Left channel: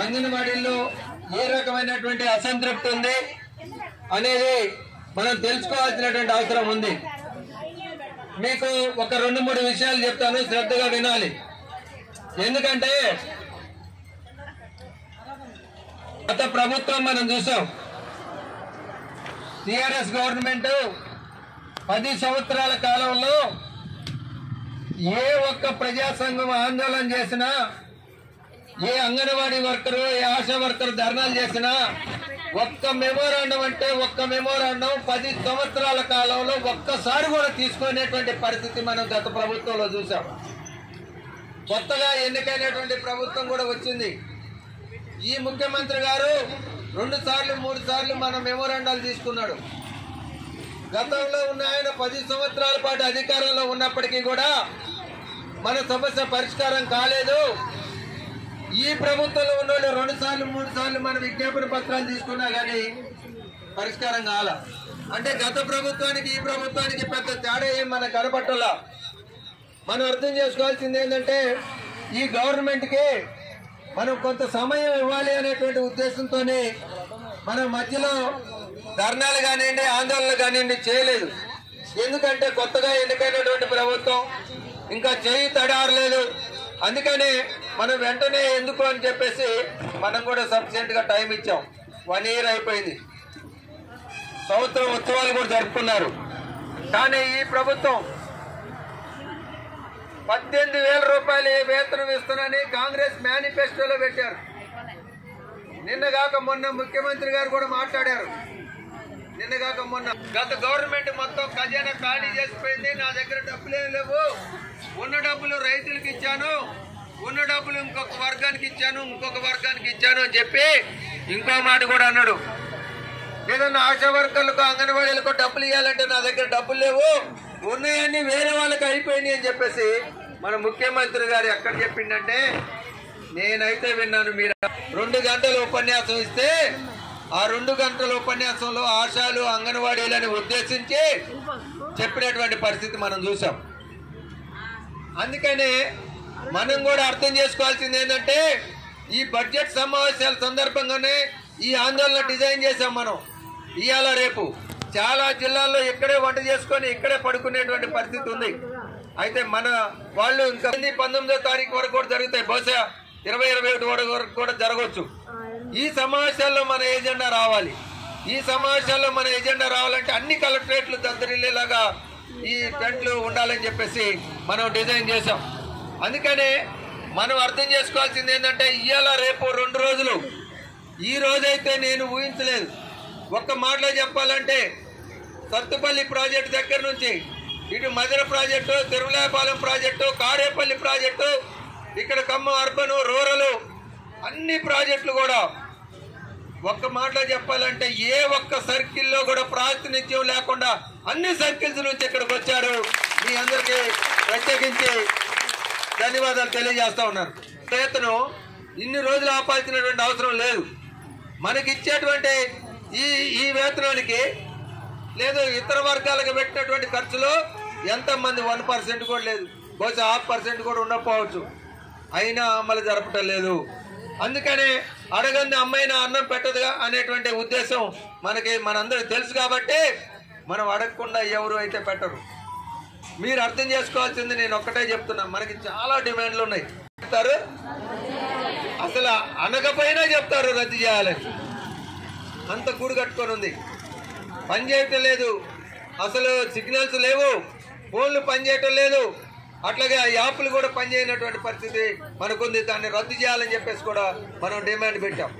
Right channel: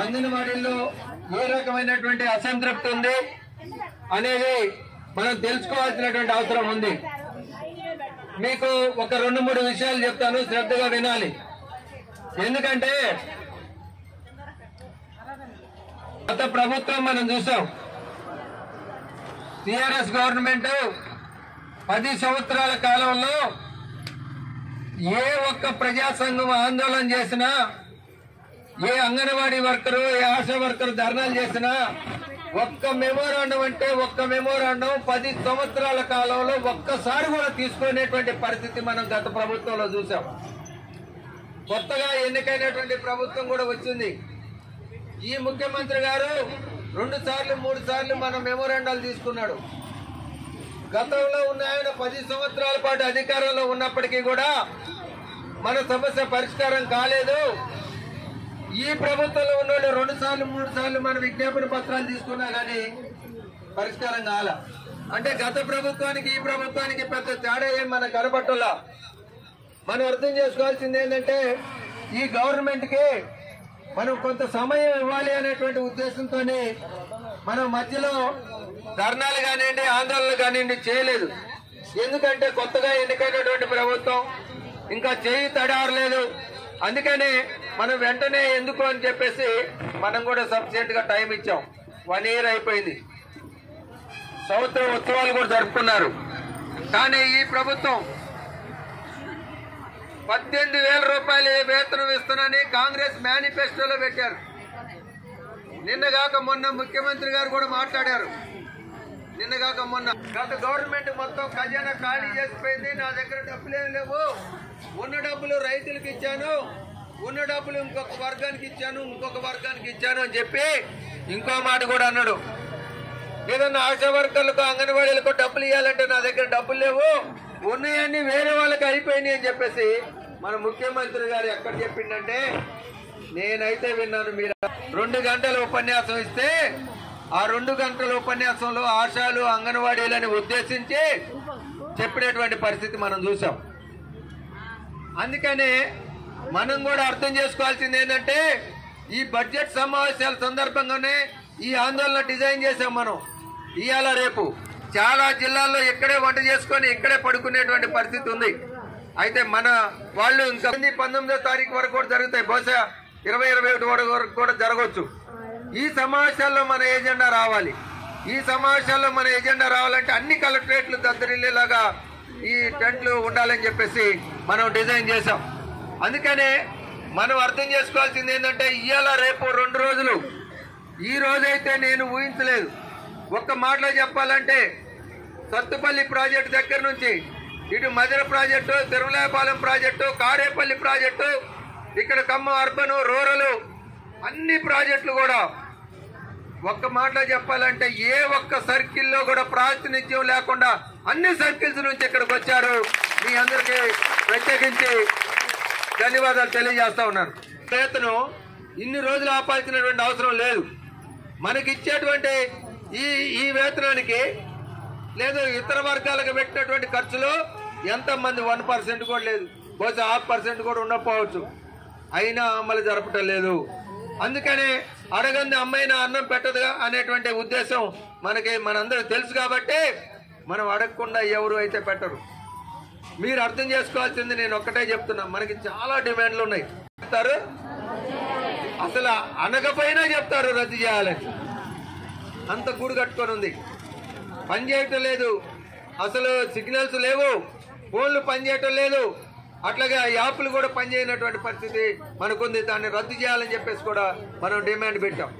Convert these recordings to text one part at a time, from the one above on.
అంగన్వాడీల్లో ఏ రకమైనటువంటి అసంతృప్తి ఉంది అనేది మనం తెలుసుకోవాల్సినటువంటి అవసరం ఉంది. మీకు ఒక 2-3 విషయాలు చెప్తాను, శ్రద్ధగా వినాలి. ఎందుకంటే గత ప్రభుత్వం మనం చూసాం, టిఆర్ఎస్ గవర్నమెంట్ 10 సంవత్సరాల కాలంలో ఏ ఒక్క ప్రజా సంఘం ఆందోళన చేసినా, ఏ అంగన్వాడీ వర్కరు, ఏ ఆశా వర్కరు ధర్నాలు చేసినా ఒక్క మెమోరాండం అంటే ఒక్క మెమోరాండం 10 సంవత్సరాల కాలంలో ఒక్కసారి కూడా తీసుకునేటువంటి పరిస్థితి మనం గత ప్రభుత్వంలో చూసాం. కొత్తగా ఎన్నికైనటువంటి ప్రభుత్వం కూడా వచ్చింది. ఈ ముఖ్యమంత్రి గారు 2 సార్లు 3 సార్లు మన మెమోరాండాలు తీసుకున్నాడు. గతంలో ఉన్న ఆయన 10 సంవత్సరాల పాటు అధికారంలో ఉన్నప్పటికీ కూడా మన సమస్య పరిష్కారం కాలేదు. ఈ ప్రభుత్వంలో ఉన్న వాళ్ళు 2 సార్లు 3 సార్లు మన విజ్ఞాపన పత్రాలు తీసుకున్నా కానీ పరిష్కారం కాల. అంటే గత ప్రభుత్వానికి ఈ ప్రభుత్వానికి పెద్ద తేడా ఏం మనకు కనపట్టలా. మనం అర్థం చేసుకోవాల్సింది ఏంటంటే ఈ గవర్నమెంట్కి మనం కొంత సమయం ఇవ్వాలి అనేటువంటి ఉద్దేశంతోనే మనం మధ్యలో ధర్నాలు కానివ్వండి, ఆందోళనలు కానివ్వండి చేయలేదు. ఎందుకంటే కొత్తగా ఎన్నికైనటువంటి ప్రభుత్వం ఇంకా చేయి తడారలేదు. అందుకని మనం వెంటనే ఎందుకు అని చెప్పేసి మనం కూడా సఫిషియెంట్ గా టైం ఇచ్చాం. 1 ఇయర్ అయిపోయింది, సంవత్సరం ఉత్సవాలు కూడా జరుపుకున్నారు. కానీ ఈ ప్రభుత్వం 18,000 రూపాయలు వేతనం ఇస్తున్నానని కాంగ్రెస్ మేనిఫెస్టోలో పెట్టారు. నిన్నగాక మొన్న ముఖ్యమంత్రి గారు కూడా మాట్లాడారు. నిన్నగాక మొన్న గత గవర్నమెంట్ మొత్తం ఖజానా ఖాళీ చేసిపోయింది, నా దగ్గర డబ్బులేం లేవు, ఉన్న డబ్బులు రైతులకు ఇచ్చాను, ఉన్న డబ్బులు ఇంకొక వర్గానికి ఇచ్చాను, ఇంకొక వర్గానికి ఇచ్చాను అని చెప్పి ఇంకో మాట కూడా అన్నాడు. ఏదన్నా ఆశా వర్కర్లకు అంగన్వాడీలకు డబ్బులు ఇవ్వాలంటే నా దగ్గర డబ్బులు లేవు, ఉన్నాయన్నీ వేరే వాళ్ళకి అయిపోయినాయి అని చెప్పేసి మన ముఖ్యమంత్రి గారు ఎక్కడ చెప్పిండంటే, నేనైతే విన్నాను, మీరు 2 గంటల ఉపన్యాసం ఇస్తే ఆ 2 గంటల ఉపన్యాసంలో ఆశాలు అంగన్వాడీలని ఉద్దేశించి చెప్పినటువంటి పరిస్థితి మనం చూసాం. అందుకనే మనం కూడా అర్థం చేసుకోవాల్సింది ఏంటంటే ఈ బడ్జెట్ సమావేశాల సందర్భంగానే ఈ ఆందోళన డిజైన్ చేసాం. మనం ఇవాళ రేపు చాలా జిల్లాల్లో ఇక్కడే వంట చేసుకొని ఇక్కడే పడుకునేటువంటి పరిస్థితి ఉంది. అయితే మన వాళ్ళు ఇంకా 19వ తారీఖు వరకు కూడా జరుగుతాయి, బహుశా 20-21 వరకు కూడా జరగవచ్చు. ఈ సమావేశాల్లో మన ఎజెండా రావాలి. ఈ సమావేశాల్లో మన ఎజెండా రావాలంటే అన్ని కలెక్టరేట్లు దద్దరిల్లేలాగా ఈ టెంట్లు ఉండాలని చెప్పేసి మనం డిజైన్ చేసాం. అందుకనే మనం అర్థం చేసుకోవాల్సింది ఏంటంటే ఇవాళ రేపు 2 రోజులు, ఈ రోజైతే నేను ఊహించలేదు. ఒక్క మాటలో చెప్పాలంటే సత్తుపల్లి ప్రాజెక్టు దగ్గర నుంచి ఇటు Madhira project, Tirumalayapalem project, Karepalli project, ఇక్కడ ఖమ్మం అర్బన్, రూరల్ అన్ని ప్రాజెక్టులు కూడా ఒక్క మాటలో చెప్పాలంటే ఏ ఒక్క సర్కిల్లో కూడా ప్రాతినిధ్యం లేకుండా అన్ని సర్కిల్స్ నుంచి ఇక్కడికి వచ్చారు. మీ అందరికీ ప్రత్యేకించి ధన్యవాదాలు తెలియజేస్తా ఉన్నాను. రైతును ఇన్ని రోజులు ఆపాల్సినటువంటి అవసరం లేదు. మనకి ఇచ్చేటువంటి ఈ వేతనానికి లేదు ఇతర వర్గాలకు పెట్టినటువంటి ఖర్చులు ఎంతమంది 1% కూడా లేదు, బహుశా 0.5% కూడా ఉండకపోవచ్చు. అయినా అమలు జరపటం లేదు. అందుకనే అడగంది అమ్మాయిన అన్నం పెట్టదుగా అనేటువంటి ఉద్దేశం మనకి మనందరికి తెలుసు. కాబట్టి మనం అడగకుండా ఎవరు అయితే పెట్టరు. మీరు అర్థం చేసుకోవాల్సింది నేను ఒక్కటే చెప్తున్నా, మనకి చాలా డిమాండ్లు ఉన్నాయి. చెప్తారు అసలు అనకపోయినా చెప్తారు రద్దు చేయాలని. అంత గూడు కట్టుకొని ఉంది, పని చేయటం లేదు, అసలు సిగ్నల్స్ లేవు, ఫోన్లు పనిచేయటం లేదు, అట్లాగే ఆ యాప్లు కూడా పనిచేయనటువంటి పరిస్థితి మనకుంది. దాన్ని రద్దు చేయాలని చెప్పేసి కూడా మనం డిమాండ్ పెట్టాం.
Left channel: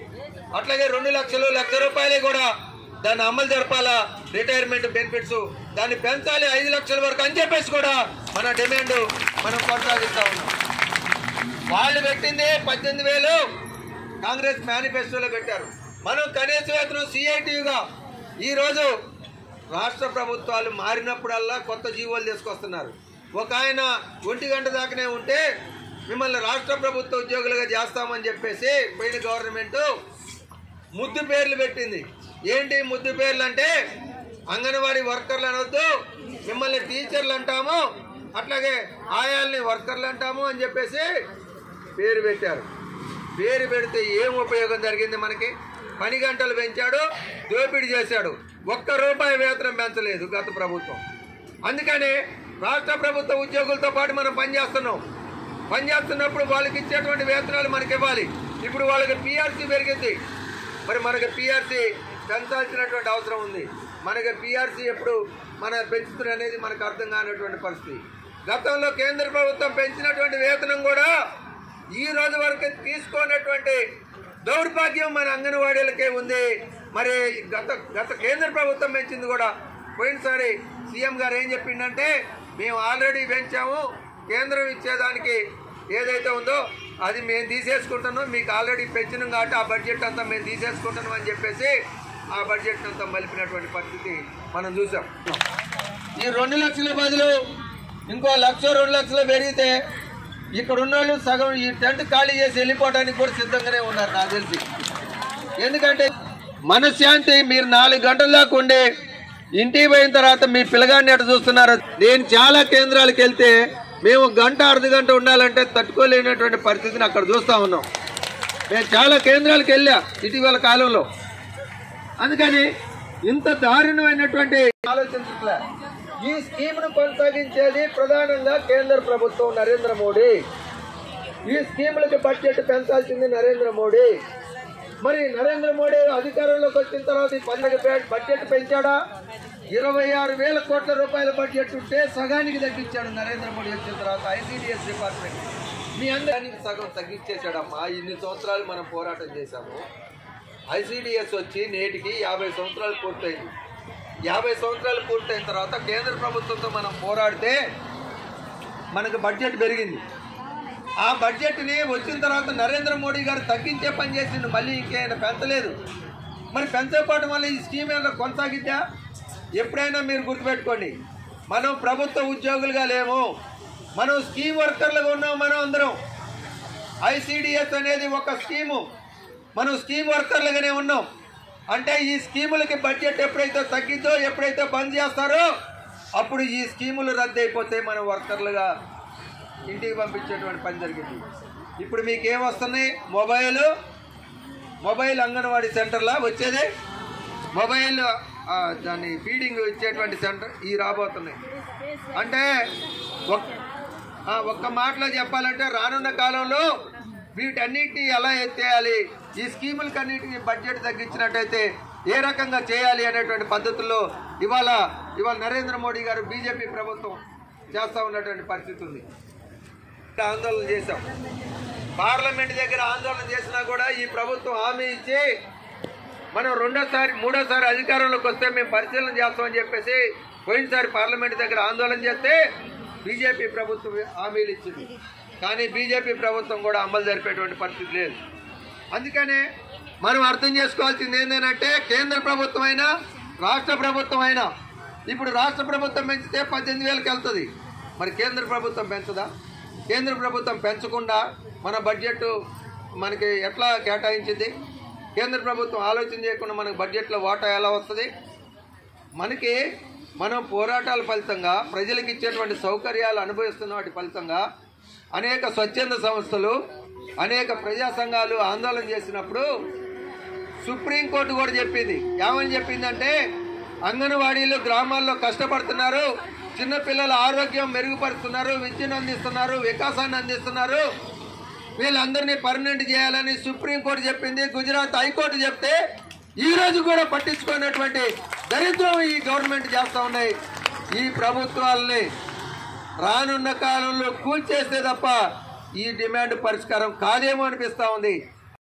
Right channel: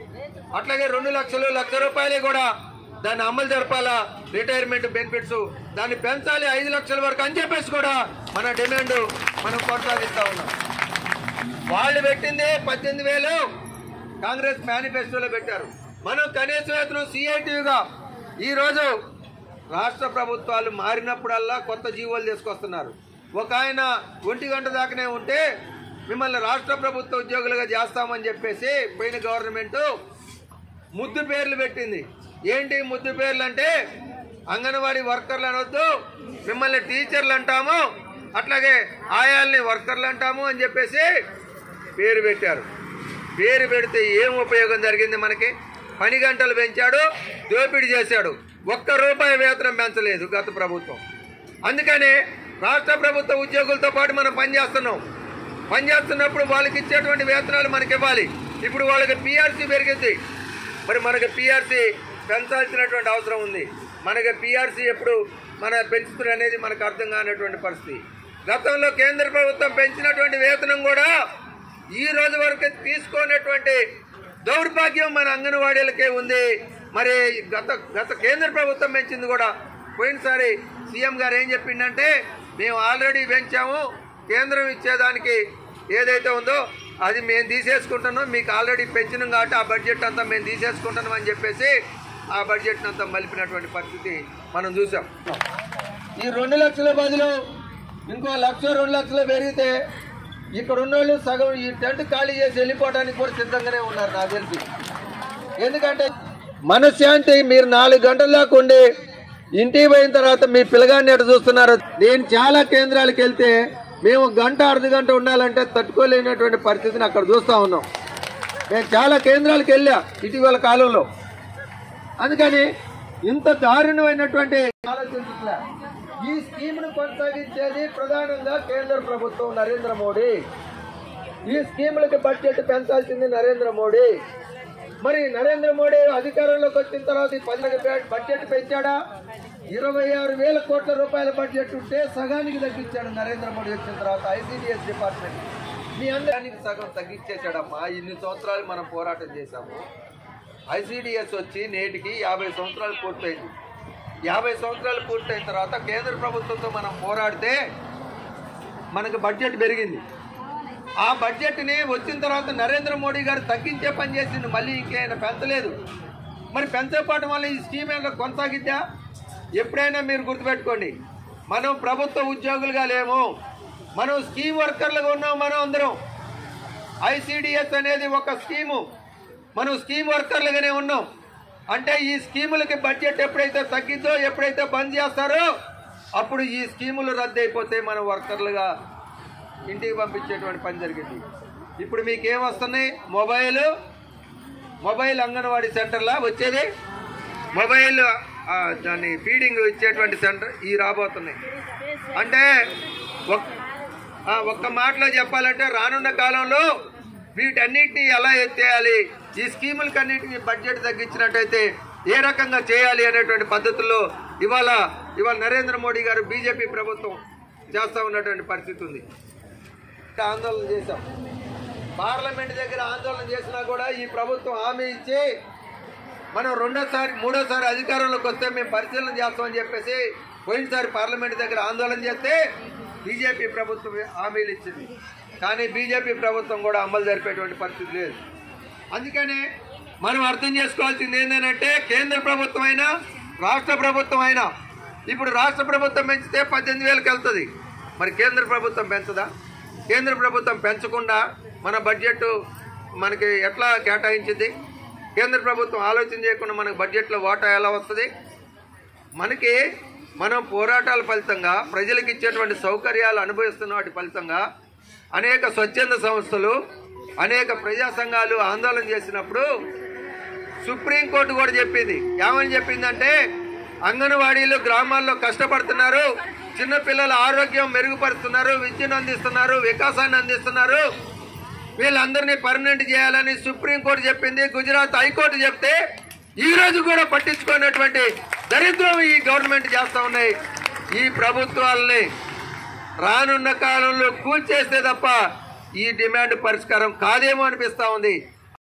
అట్లాగే 2 లక్షలు, 1 లక్ష రూపాయలే కూడా దాన్ని అమలు జరపాలా, రిటైర్మెంట్ బెనిఫిట్స్ దాన్ని పెంచాలి 5 లక్షల వరకు అని చెప్పేసి కూడా మన డిమాండ్ మనం కొనసాగిస్తా ఉన్నాం. వాళ్ళు పెట్టిందే 18,000 కాంగ్రెస్ మేనిఫెస్టోలో పెట్టారు. మనం కనీస వేతనం సిఐటిగా ఈరోజు రాష్ట్ర ప్రభుత్వాలు మారినప్పుడల్లా కొత్త జీవోలు తీసుకొస్తున్నారు. ఒక ఆయన 1 గంట దాకానే ఉంటే మిమ్మల్ని రాష్ట్ర ప్రభుత్వ ఉద్యోగులుగా చేస్తామని చెప్పేసి పోయిన గవర్నమెంట్ ముద్దు పేర్లు పెట్టింది. ఏంటి ముద్దు పేర్లు అంటే అంగన్వాడీ వర్కర్లు అనొద్దు, మిమ్మల్ని టీచర్లు అంటాము, అట్లాగే ఆయాల్ని వర్కర్లు అంటాము అని చెప్పేసి పేరు పెట్టారు. పేరు పెడితే ఏం ఉపయోగం జరిగింది? మనకి పని గంటలు పెంచాడు, దోపిడీ చేశాడు, ₹1 వేతనం పెంచలేదు గత ప్రభుత్వం. అందుకనే రాష్ట్ర ప్రభుత్వ ఉద్యోగులతో పాటు మనం పనిచేస్తున్నాం. పనిచేస్తున్నప్పుడు వాళ్ళకి ఇచ్చేటువంటి వేతనాలు మనకి ఇవ్వాలి. ఇప్పుడు వాళ్ళకి PRC పెరిగింది, మరి మనకి PRC పెంచాల్సినటువంటి అవసరం ఉంది. మనకి PRC ఎప్పుడు పెంచుతుంది అనేది మనకు అర్థం కానటువంటి పరిస్థితి. గతంలో కేంద్ర ప్రభుత్వం పెంచినటువంటి వేతనం కూడా ఈ రోజు వరకు తీసుకున్నటువంటి దౌర్భాగ్యం మన అంగన్వాడీలకే ఉంది. మరి గత కేంద్ర ప్రభుత్వం పెంచింది కూడా. పోయినసారి సీఎం గారు ఏం చెప్పిండంటే, మేము ఆల్రెడీ పెంచాము, కేంద్రం ఇచ్చేదానికి ఏదైతే ఉందో అది మేము తీసేసుకుంటున్నాం, మీకు ఆల్రెడీ పెంచినాం కాబట్టి ఆ బడ్జెట్ అంతా మేము తీసేసుకుంటున్నాం అని చెప్పేసి ఆ బడ్జెట్ అంతా మలిపినటువంటి పరిస్థితి మనం చూసాం. ఈ 2 లక్షల బదులు ఇంకో 1,00,000 2 లక్షలు పెరిగితే ఇక్కడ ఉన్నోళ్ళు సగం ఈ టెంట్ ఖాళీ చేసి వెళ్ళిపోవడానికి కూడా సిద్ధంగానే ఉన్నారు నాకు తెలిసి. ఎందుకంటే మనశ్శాంతి మీరు 4 గంటల దాకా ఉండి ఇంటికి పోయిన తర్వాత మీ పిల్లగాడిని ఎట్లా చూస్తున్నారు. నేను చాలా కేంద్రాలకు వెళ్తే మేము గంట అర్ధగంట ఉండాలంటే తట్టుకోలేనటువంటి పరిస్థితిని అక్కడ చూస్తూ ఉన్నాం. నేను చాలా కేంద్రాలకు వెళ్ళా ఇటీవల కాలంలో. అందుకని ఇంత దారుణమైనటువంటి ఆలోచించట్లే. ఈ స్కీమ్ను కొనసాగించేది ప్రధానంగా కేంద్ర ప్రభుత్వం నరేంద్ర మోడీ. ఈ స్కీములకి బడ్జెట్ పెంచాల్సింది నరేంద్ర మోడీ. మరి నరేంద్ర మోడీ అధికారంలోకి వచ్చిన తర్వాత ఈ బడ్జెట్ పెంచాడా? 26,000 కోట్ల రూపాయల బడ్జెట్ ఉంటే సగానికి తగ్గించాడు నరేంద్ర మోడీ వచ్చిన తర్వాత ICDS డిపార్ట్మెంట్. మీ అందరికి సగం తగ్గించేశాడమ్మా. ఇన్ని సంవత్సరాలు మనం పోరాటం చేశాము. ICDS వచ్చి నేటికి 50 సంవత్సరాలు పూర్తయింది. 50 సంవత్సరాలు పూర్తయిన తర్వాత కేంద్ర ప్రభుత్వంతో మనం పోరాడితే మనకు బడ్జెట్ పెరిగింది. ఆ బడ్జెట్ని వచ్చిన తర్వాత నరేంద్ర మోడీ గారు తగ్గించే పని చేసింది, మళ్ళీ ఇంకేమైనా పెంచలేదు. మరి పెంచకపోవడం వల్ల ఈ స్కీమ్ ఏమైనా కొనసాగిద్దా? ఎప్పుడైనా మీరు గుర్తుపెట్టుకోండి, మనం ప్రభుత్వ ఉద్యోగులుగా లేము, మనం స్కీమ్ వర్కర్లుగా ఉన్నాం. మనం అందరం ICDS అనేది ఒక స్కీము, మనం స్కీమ్ వర్కర్లుగానే ఉన్నాం. అంటే ఈ స్కీములకి బడ్జెట్ ఎప్పుడైతే తగ్గిద్దో, ఎప్పుడైతే బంద్ చేస్తారో అప్పుడు ఈ స్కీములు రద్దు అయిపోతే మనం వర్కర్లుగా ఇంటికి పంపించేటువంటి పని జరిగింది. ఇప్పుడు మీకేం వస్తున్నాయి? మొబైల్ అంగన్వాడీ సెంటర్లా వచ్చేది, మొబైల్ దాన్ని ఫీడింగ్ ఇచ్చేటువంటి సెంటర్ ఈ రాబోతున్నాయి. అంటే ఒక్క మాటలో చెప్పాలంటే రానున్న కాలంలో వీటన్నిటిని ఎలా ఎత్తేయాలి, ఈ స్కీములకి అన్నిటికీ బడ్జెట్ తగ్గించినట్టయితే ఏ రకంగా చేయాలి అనేటువంటి పద్ధతుల్లో ఇవాళ నరేంద్ర మోడీ గారు బీజేపీ ప్రభుత్వం చేస్తూ ఉన్నటువంటి పరిస్థితి ఉంది. ఆందోళన చేశాం, పార్లమెంట్ దగ్గర ఆందోళన చేసినా కూడా ఈ ప్రభుత్వం హామీ ఇచ్చి మనం మూడోసారి అధికారంలోకి వస్తే మేము పరిశీలన చేస్తామని చెప్పేసి పోయినసారి పార్లమెంట్ దగ్గర ఆందోళన చేస్తే బీజేపీ ప్రభుత్వం హామీలు ఇచ్చింది. కానీ బీజేపీ ప్రభుత్వం కూడా అమలు జరిపేటువంటి పరిస్థితి లేదు. అందుకనే మనం అర్థం చేసుకోవాల్సింది ఏంటంటే కేంద్ర ప్రభుత్వం అయినా రాష్ట్ర ప్రభుత్వం అయినా, ఇప్పుడు రాష్ట్ర ప్రభుత్వం పెంచితే 18,000కి వెళ్తుంది, మరి కేంద్ర ప్రభుత్వం పెంచదా? కేంద్ర ప్రభుత్వం పెంచకుండా మన బడ్జెట్ మనకి ఎట్లా కేటాయించింది? కేంద్ర ప్రభుత్వం ఆలోచన చేయకుండా మనకు బడ్జెట్లో వాటా ఎలా వస్తుంది? మనం పోరాటాల ఫలితంగా ప్రజలకు ఇచ్చేటువంటి సౌకర్యాలు అనుభవిస్తున్న వాటి ఫలితంగా అనేక స్వచ్ఛంద సంస్థలు, అనేక ప్రజా సంఘాలు ఆందోళన చేసినప్పుడు సుప్రీంకోర్టు కూడా చెప్పింది. ఏమని చెప్పిందంటే, అంగన్వాడీలు గ్రామాల్లో కష్టపడుతున్నారు, చిన్నపిల్లల ఆరోగ్యం మెరుగుపరుస్తున్నారు, విద్యను అందిస్తున్నారు, వికాసాన్ని అందిస్తున్నారు, వీళ్ళందరినీ పర్మనెంట్ చేయాలని సుప్రీంకోర్టు చెప్పింది. గుజరాత్ హైకోర్టు చెప్తే ఈ రోజు కూడా పట్టించుకున్నటువంటి దరిద్రం ఈ గవర్నమెంట్ చేస్తూ ఉన్నాయి. ఈ ప్రభుత్వాలని రానున్న కాలంలో కూల్చేస్తే తప్ప ఈ డిమాండ్ పరిష్కారం కాదేమో అనిపిస్తూ ఉంది.